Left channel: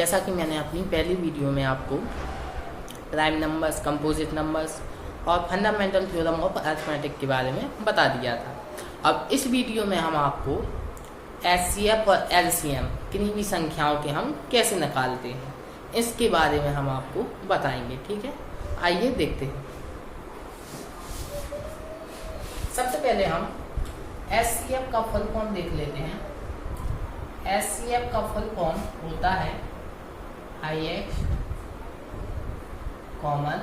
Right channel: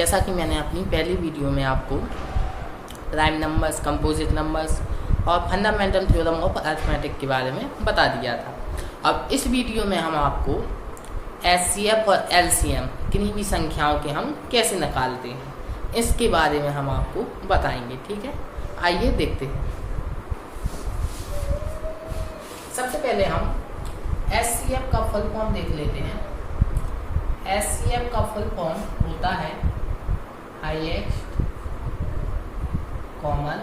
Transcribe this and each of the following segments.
जैसा कि मैंने अपनी पहली वीडियो में आपको प्राइम नंबर्स, कंपोजिट नंबर्स और फंडामेंटल थ्योरम ऑफ अरिथमेटिक के बारे में बता दिया था। अब इस वीडियो में हम आपको एचसीएफ और एलसीएम किन्हीं भी संख्याओं के हम कैसे निकालते हैं इसके बारे में हम आपको बताएंगे। ठीक है, आइए देखते हैं। सबसे पहले हम एचसीएफ का फुल फॉर्म देख लेते हैं। एचसीएफ का फुल फॉर्म होता है हाईएस्ट कॉमन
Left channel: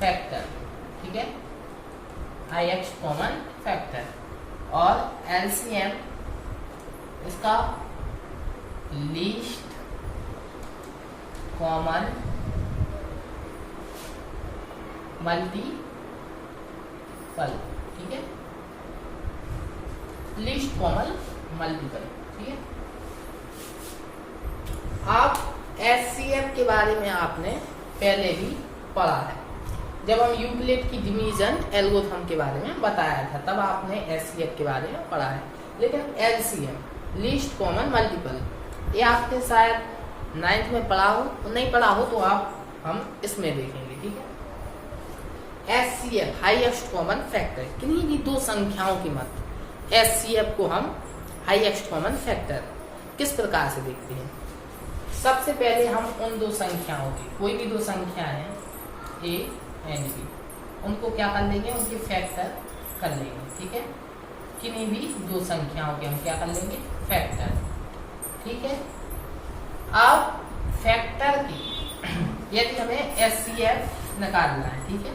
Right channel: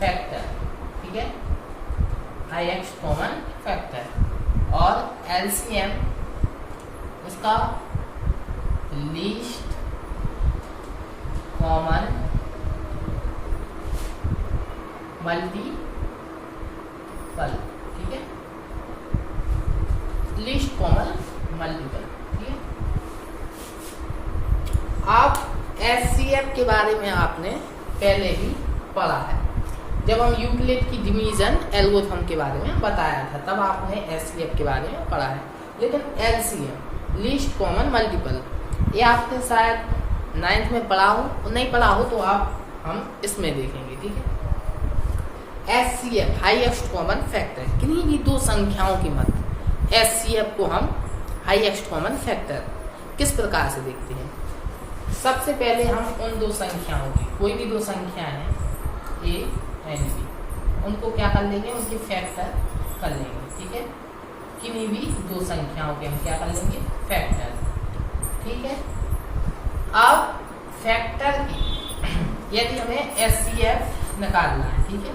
फैक्टर। ठीक है, हाईएस्ट कॉमन फैक्टर। और एलसीएम इसका लीस्ट कॉमन मल्टीपल। ठीक है, लीस्ट कॉमन मल्टीपल। ठीक है, आप एचसीएफ के बारे में आपने पहले ही पढ़ा है जब हम यूक्लिड की डिवीजन एल्गोरिथम के बारे में बताया था, तब आपने एचसीएफ के बारे में पढ़ा है। लेकिन एलसीएम लीस्ट कॉमन मल्टीपल ये आपने शायद 9th में पढ़ा हो, नहीं पढ़ा हो तो हम इसमें देखेंगे। ठीक है, एचसीएफ हाईएस्ट कॉमन फैक्टर, किन्हीं भी दो संख्याओं की मध्य एचसीएफ को हम हाईएस्ट कॉमन फैक्टर किस प्रकार से देखते हैं। सबसे पहले हम उन दो संख्याओं की, कोई भी दो संख्या है ए एंड बी, उनको क्या कर लेंगे, उनके फैक्टर कर लेंगे। ठीक है, किन्हीं भी दो संख्याओं के हम क्या कर लेंगे, फैक्टर। ठीक है, अब फैक्टर की यदि हमें एचसीएफ निकालना है, ठीक है,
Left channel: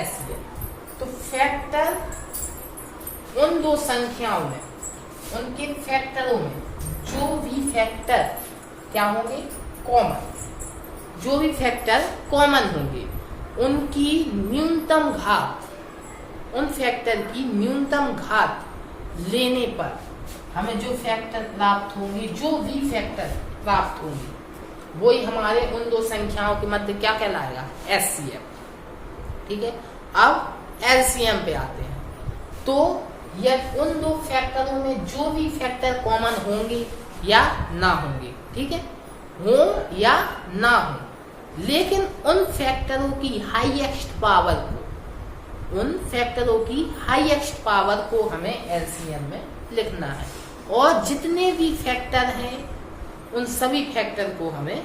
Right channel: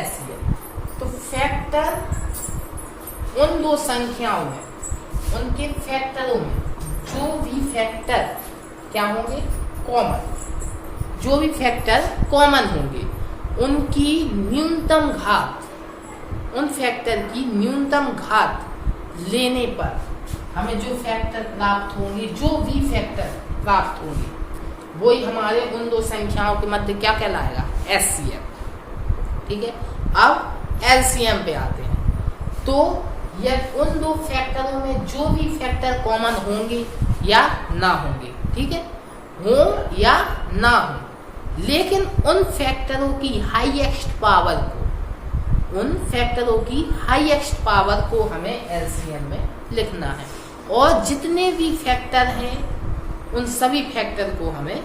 एचसीएफ, तो फैक्टर उन दो संख्याओं में, उनके फैक्टरों में जो भी फैक्टर क्या होंगे, कॉमन, जो भी फैक्टर कॉमन होंगे उनकी न्यूनतम घात, उन फैक्टर की न्यूनतम घात लेने पर हमें जो फैक्टर प्राप्त होंगे, जो भी फैक्टर प्राप्त होंगे, वही हमारे उन दो संख्याओं के मध्य क्या कहलाएगा, एचसीएफ। ठीक है, अब एलसीएम पे आते हैं। तो यह उन दो फैक्टरों में जो भी फैक्टर कॉमन होंगे या ना होंगे, ठीक है, हो या ना हो, लेकिन उन फैक्टरों की हाईएस्ट पावर को, उन फैक्टरों की हाईएस्ट पावर को हमें एलसीएम में लिखना है। और जितने भी फैक्टर हैं उन सभी फैक्टर को हमें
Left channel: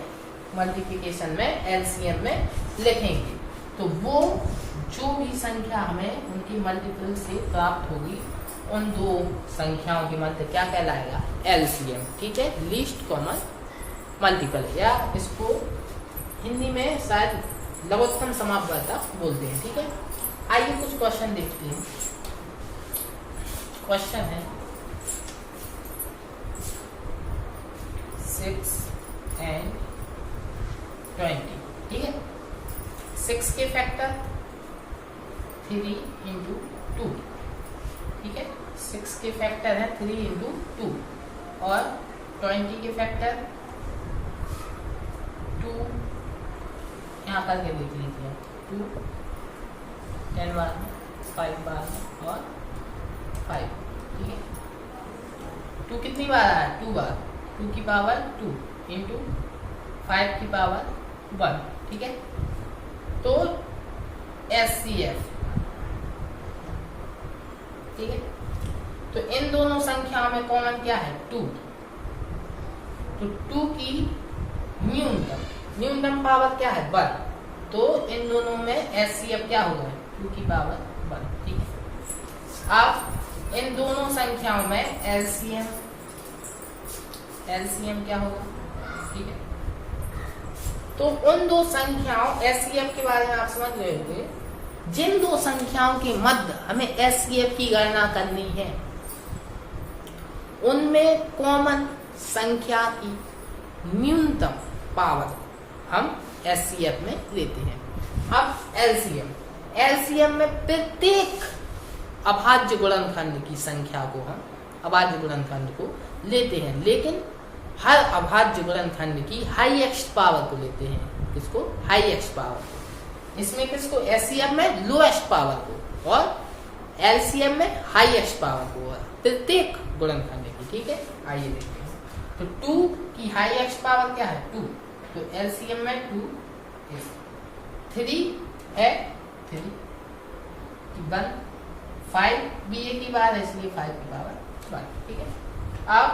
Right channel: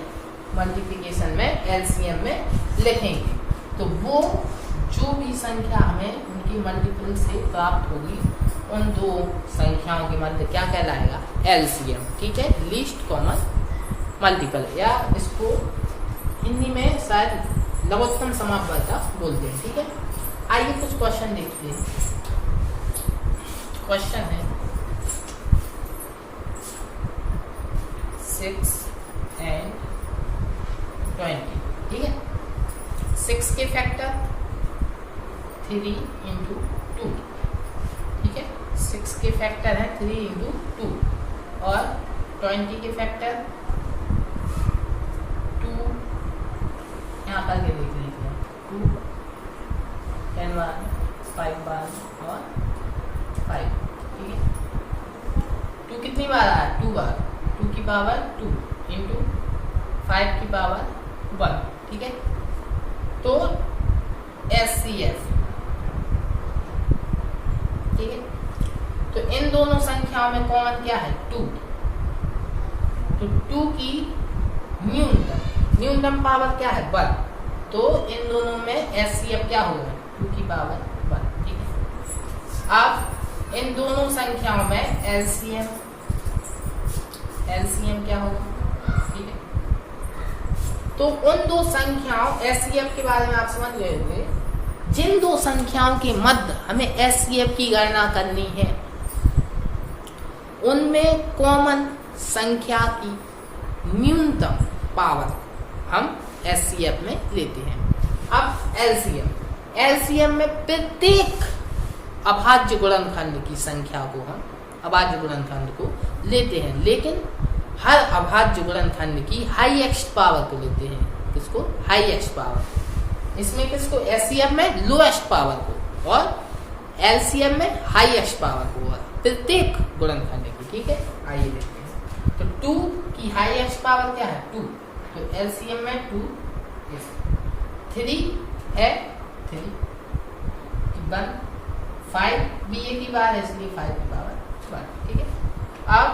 मल्टीप्लिकेशन में एलसीएम में लिखेंगे। तो वो जो भी संख्या हमें उनकी मल्टीपल से प्राप्त होगी उन दो संख्याओं के मध्य क्या कहलाएगा, एलसीएम। ठीक है, लीस्ट कॉमन मल्टीपल, या इसको हिंदी में शायद लघुत्तम समापवर्तक बोलते हैं। ठीक है, आइए कुछ क्वेश्चन देखते हैं। क्वेश्चन है 6 and 20। ठीक है, 6 के फैक्टर 3 into 2। ठीक है, 6 के फैक्टर है 3 into 2 और 20 के फैक्टर 2, यहाँ करके देख लीजिए, 2 10 बार, 5 बार और 5। ठीक है, 2 कितनी बार आया, 2 बार, 2 की पावर 2 इंटू 5 की पावर 1। ठीक है, तो एचसीएफ, ठीक है, तो इन दोनों संख्याओं में कॉमन क्या है, 2। तो 2 की न्यूनतम पावर क्या है, 1। तो इन दोनों में एचसीएफ क्या होगा, 2 की पावर 1। ठीक है, अब इन दोनों संख्याओं में एलसीएम क्या होगा। ठीक है, तो उन दो संख्याओं एचसीएफ के बारे में आप समझ गए होंगे। जिन दो संख्याओं के मध्य हमें एचसीएफ की गणना करनी है उनमें कॉमन संख्या की न्यूनतम पावर हम एचसीएफ में लेते हैं। अब एलसीएम में प्रत्येक अभाज्य गुणनखंड की संख्या को हम अभाज्य गुणनखंड को लेते हैं, लेकिन हर अभाज्य गुणनखंड की हाईएस्ट पावर को लेते हैं। किसको, हाईएस्ट पावर। इसमें किसको, एचसीएफ में लोएस्ट पावर को और एलसीएम में हाईएस्ट पावर को, प्रत्येक गुणनखंड की। ठीक है, आइए देखते हैं। तो 2 की हाई एक्स पावर क्या है 2, तो एलसीएम में 2 3 है 3 1 5 भी एक ही बार है इसलिए 5 की पावर 1, ठीक है। अब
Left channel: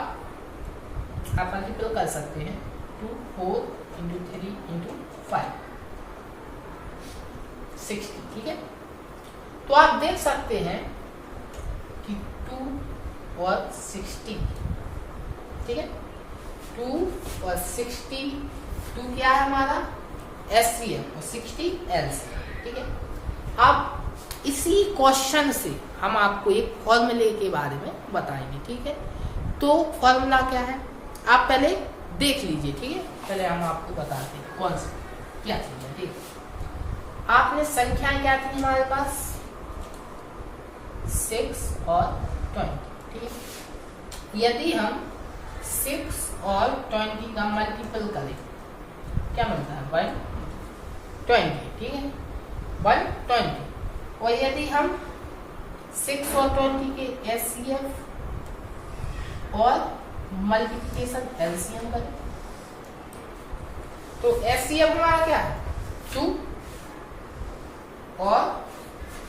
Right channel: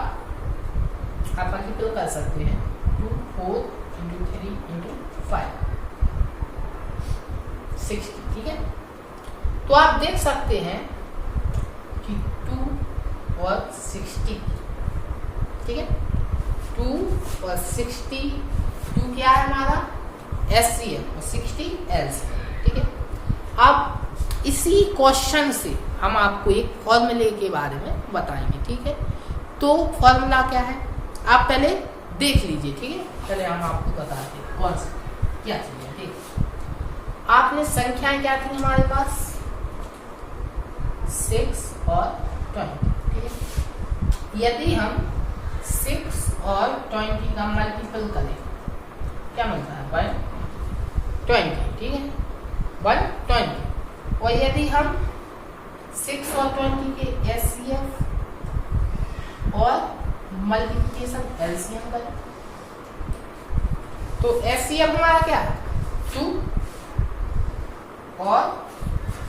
आप मल्टीपल कर सकते हैं 2 4 इंटू 3 इंटू 5 60, ठीक है। तो आप देख सकते हैं कि 2 और 60, ठीक है, 2 और 60, 2 क्या है हमारा एससीएम और 60 एलसीएम, ठीक है। अब इसी क्वेश्चन से हम आपको एक फॉर्मूले के बारे में बताएंगे, ठीक है। तो फॉर्मूला क्या है आप पहले देख लीजिए, ठीक है, पहले हम आपको बताते हैं कौन सा क्या चीज है, ठीक है। आपने संख्याएं क्या थी हमारे पास 6 और 20, ठीक है। यदि हम 6 और 20 का मल्टीपल करें क्या मिलता है 120, ठीक है 120। और यदि हम 6 और 20 के एचसीएफ और मल्टीप्लिकेशन एलसीएम करें तो एचसीएफ हमारा क्या है 2 और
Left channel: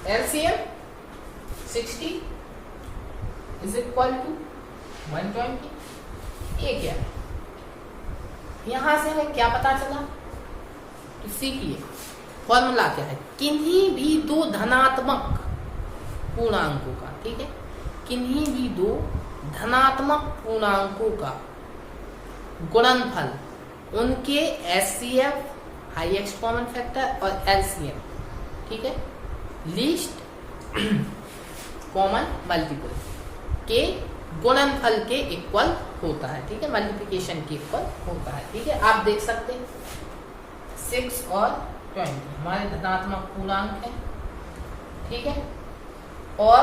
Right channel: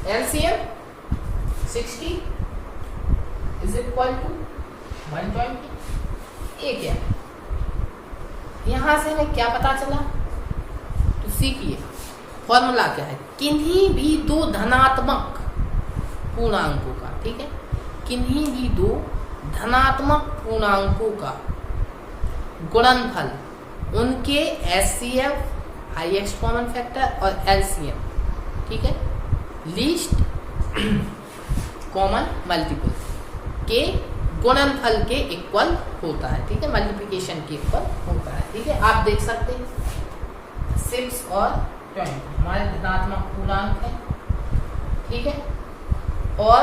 एलसीएम 60 इज इक्वल टू 120। ये क्या यहां से हमें क्या पता चला, तो सीखिए फॉर्मूला क्या है। किन्हीं भी दो धनात्मक पूर्णांकों का, ठीक है, किन्हीं भी दो धनात्मक पूर्णांकों का गुणनफल उनके HCF high x common factor और एलसीएम, ठीक है, लीस्ट कॉमन मल्टीपल के गुणनफल के इक्वल होता है, ठीक है, मल्टीप्लिकेशन के इक्वल होता है, ठीक है। आप देख सकते हैं 6 और 20 हमारे धनात्मक पूर्णांक है, ठीक है, और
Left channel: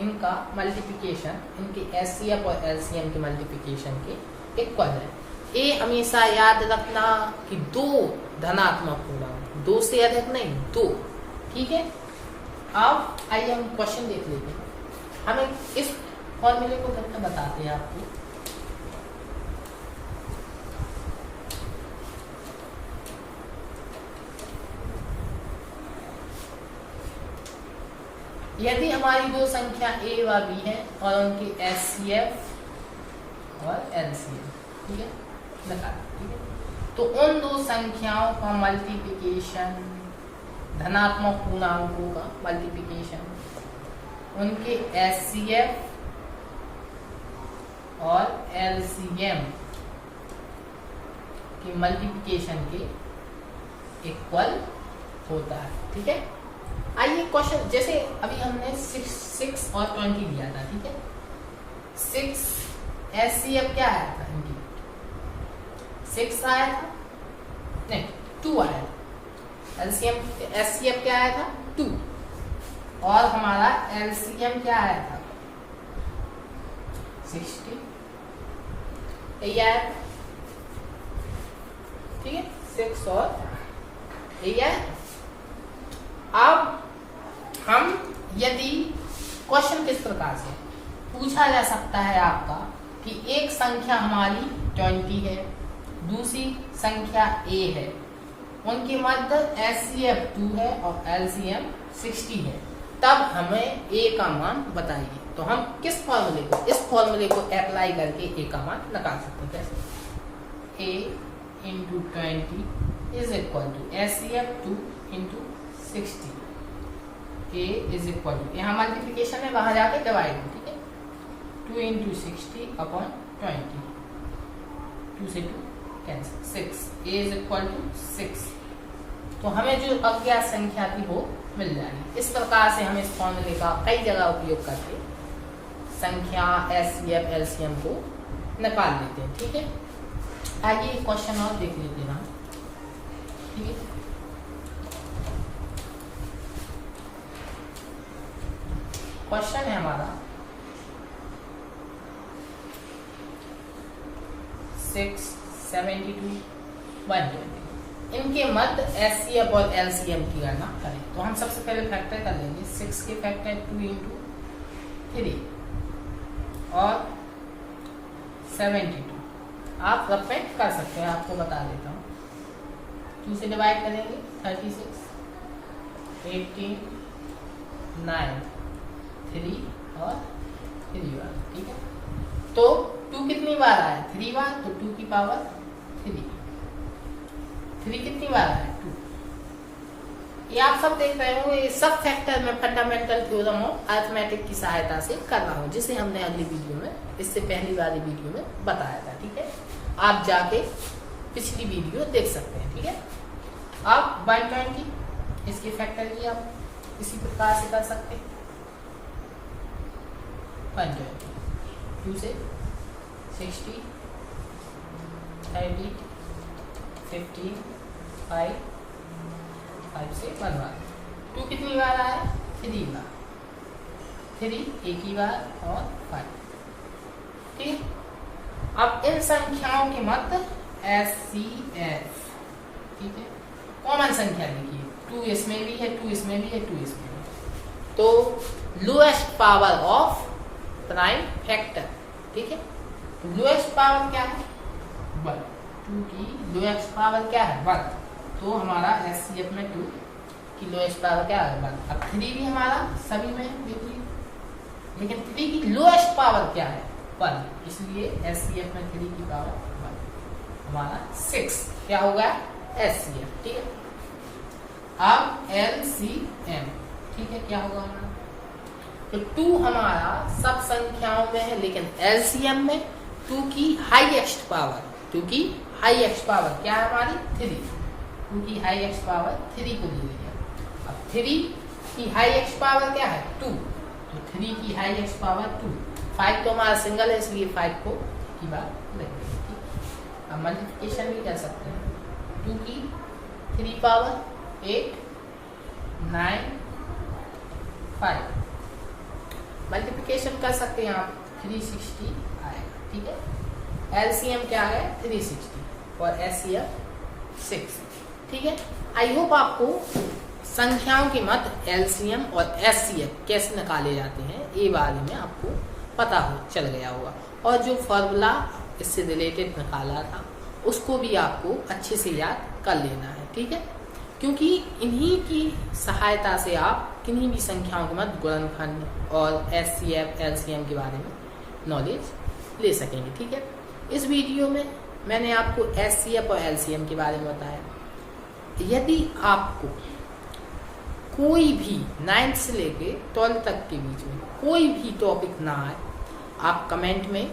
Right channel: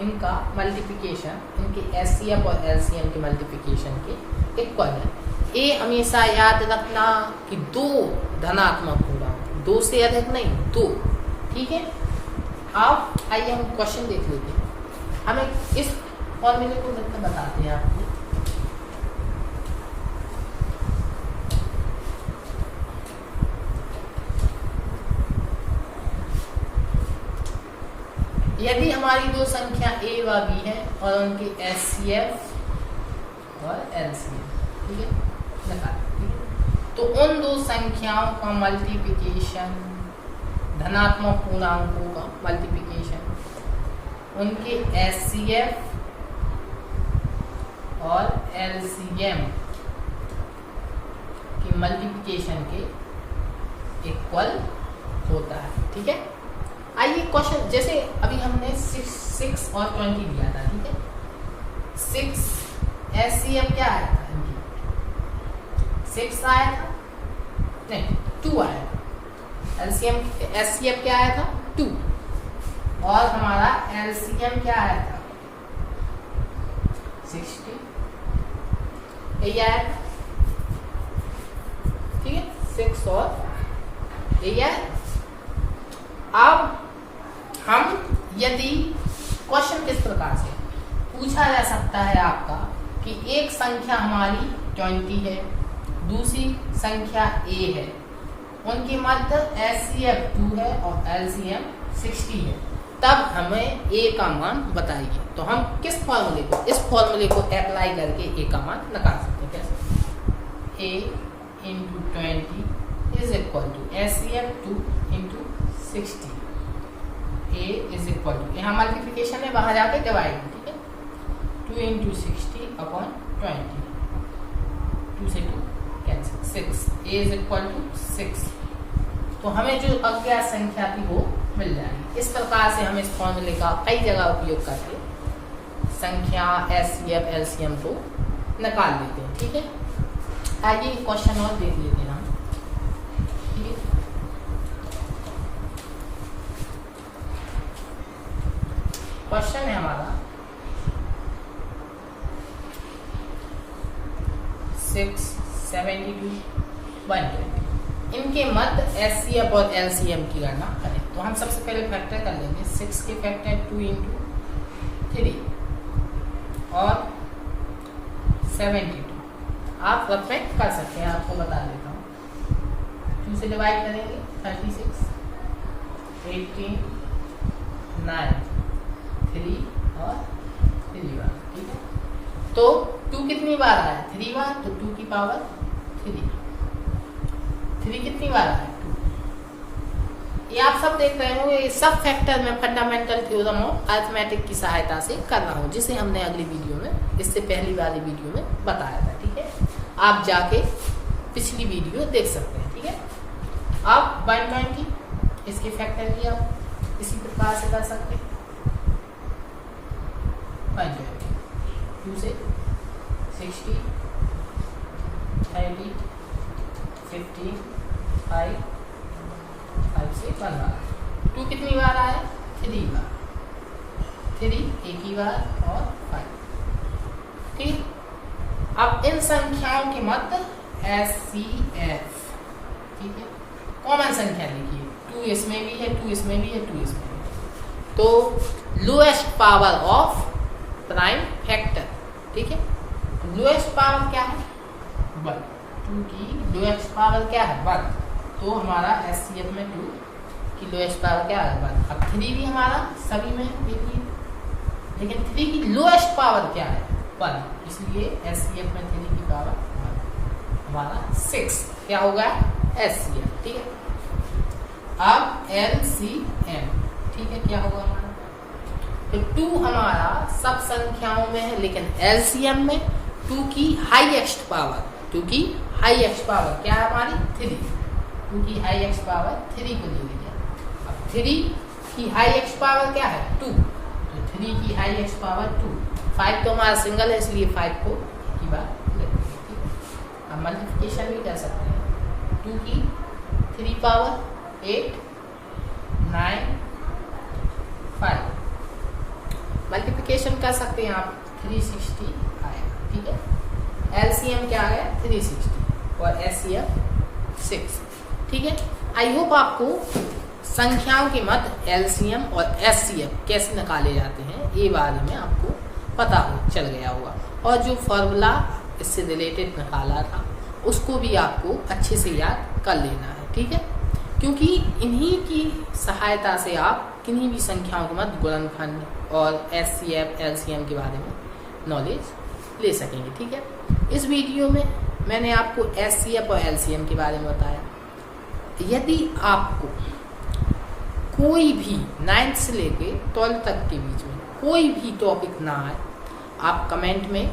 इनका मल्टीप्लिकेशन इनके एचसीएफ और एलसीएम के मल्टीप्लिकेशन के इक्वल है। ये हमेशा याद रखना कि दो धनात्मक पूर्णांक, 2 से अधिक नहीं 2, ठीक है। अब आइए हम क्वेश्चन देख लेते हैं। हमें इस फॉर्मूले को मतलब बताते हैं आपको। यदि हमारी दो संख्या a व b है और उनके एचसीएफ और एलसीएम, ठीक है, निकाल, ठीक है। तो उन दो संख्याओं का मल्टीप्लिकेशन, धनात्मक पूर्णांकों का मल्टीप्लिकेशन उनके एचसीएफ और एलसीएम की मल्टीप्लिकेशन के इक्वल होता है, ठीक है। आइए क्वेश्चन, जैसे अभी हमने 6 और 20 लिया था, ठीक है। 6 एचसीएफ क्या आया था इनकी 6 आया था, नहीं 2 आया था। एलसीएम एचसीएफ क्या आया था 2 और हमारा एलसीएम क्या आया था 60, यही आया था, ठीक है, 6 और यही आया। अब हम यदि क्वेश्चन किस प्रकार से पूछा जा सकता है आपका कि एक संख्या हमारी 20 है, दूसरी संख्या a है, उनके मध्य एचसीएफ 2 है और एलसीएम 60 है, तब हमें a का मान बताइए। तो हम किस फॉर्मूले को, इस फॉर्मूले को अप्लाई करके a का मान निकाल सकते हैं। कैसे a into 20 is equal to HCF 2 into 60, a is equal to, यहाँ मल्टीप्लिकेशन है वहां जाके डिवाइड है, ठीक है, 2 इंटू 60 अपॉन 20, 2 से 2 cancel, 6, a is equal to 6। तो हमें जो अज्ञात संख्या थी वो मिल जाएगी। इस प्रकार से हम इस फॉर्मूले का कई जगह उपयोग करके संख्या एचसीएफ एलसीएम को निकाल लेते हैं, ठीक है। आइए क्वेश्चन और देख लेते हैं हम, ठीक है। क्वेश्चन है हमारा 6, 72, 120, इनके मध्य एचसीएफ और एलसीएम की गणना करें। तो हम सबसे पहले फैक्टर कर लेंगे। 6 के फैक्टर 2 इंटू 3, और 72। आप परफेक्ट कर सकते हैं, आपको बता देता हूँ। 2 से डिवाइड करेंगे 36, 18, 9, 3 और 3 बार। ठीक है, तो 2 कितनी बार आया? 3 बार, तो 2 की पावर 3। 3 कितनी बार आया? 2। ये आप सब देख रहे हो, ये सब फैक्टर में फंडामेंटल थ्योरम ऑफ अरिथमेटिक की सहायता से कर रहा हूँ, जिसे हमने अगली वीडियो में, इससे पहली वाली वीडियो में बताया था। ठीक है, आप जाके पिछली वीडियो देख सकते हैं। ठीक है, आप 120 इसके फैक्टर की आप इसी प्रकार से कर सकते हैं। 120 2 से 60, 30, 15, 5 से 1 बार। 2 कितनी बार आया? 3 बार। 3 एक ही बार और 5। फिर अब इन संख्याओं के मध्य SCF, ठीक है, कॉमन संख्या लिखिए। 2 इसमें भी है, 2 इसमें भी है, 2 इसमें भी है। तो lowest power of prime factor, ठीक है, लोएस्ट पावर क्या है? 1। 2 की लोएस्ट पावर क्या है? 1। तो हमारा SCF में 2 की लोएस्ट पावर क्या है? 1। अब 3 भी हमारा सभी में देखिए, लेकिन 3 की लोएस्ट पावर क्या है? 1। इसलिए SCF में 3 की पावर 1, हमारा 6 क्या होगा? SCF। ठीक है, अब LCM, ठीक है, क्या होगा हमारा? तो 2 हमारा सब संख्याओं में है, लेकिन LCM में 2 की हाईएस्ट पावर, 2 की हाईएस्ट पावर क्या है हमारी? 3। 2 की हाईएस्ट पावर 3 को ले लिया। अब 3 की हाईएस्ट पावर क्या है? 2। तो 3 की हाईएस्ट पावर 2। 5 तो हमारा सिंगल है, इसलिए 5 को की बार लेते हैं। अब मल्टीप्लिकेशन भी कर सकते हैं। 2 की 3 पावर 8, 9, 5। मल्टीप्लिकेशन कर सकते हैं आप, 360 आएगा। ठीक है, LCM क्या है? 360 और SCF 6। ठीक है, आई होप आपको संख्याओं के मध्य LCM और SCF कैसे निकाले जाते हैं ये बारे में आपको पता हो चल गया होगा, और जो फॉर्मूला इससे रिलेटेड निकाला था उसको भी आपको अच्छे से याद कर लेना है। ठीक है, क्योंकि इन्हीं की सहायता से आप किन्हीं भी संख्याओं के मध्य गुणनखंड और SCF LCM के बारे में नॉलेज ले सकेंगे। ठीक है, इस वीडियो में मैंने आपको SCF और LCM के बारे में बताया। यदि आपको कोई भी 9th से लेके 12th तक के बीच में कोई भी टॉपिक ना आए, आप कमेंट में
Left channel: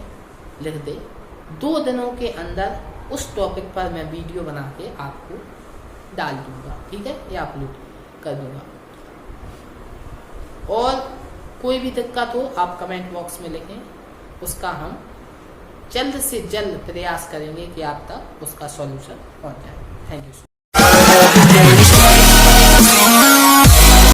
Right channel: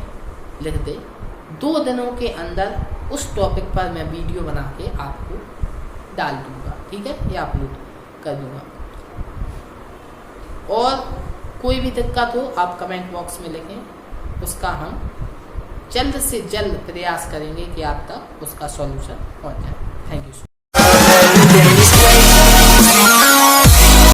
लिख दे। 2 दिनों के अंदर उस टॉपिक पर मैं वीडियो बना के आपको डाल दूंगा। ठीक है, या अपलोड कर दूंगा। और कोई भी दिक्कत हो आप कमेंट बॉक्स में लिखें, उसका हम जल्द से जल्द प्रयास करेंगे कि आप तक उसका सॉल्यूशन पहुंच जाए। Thank you.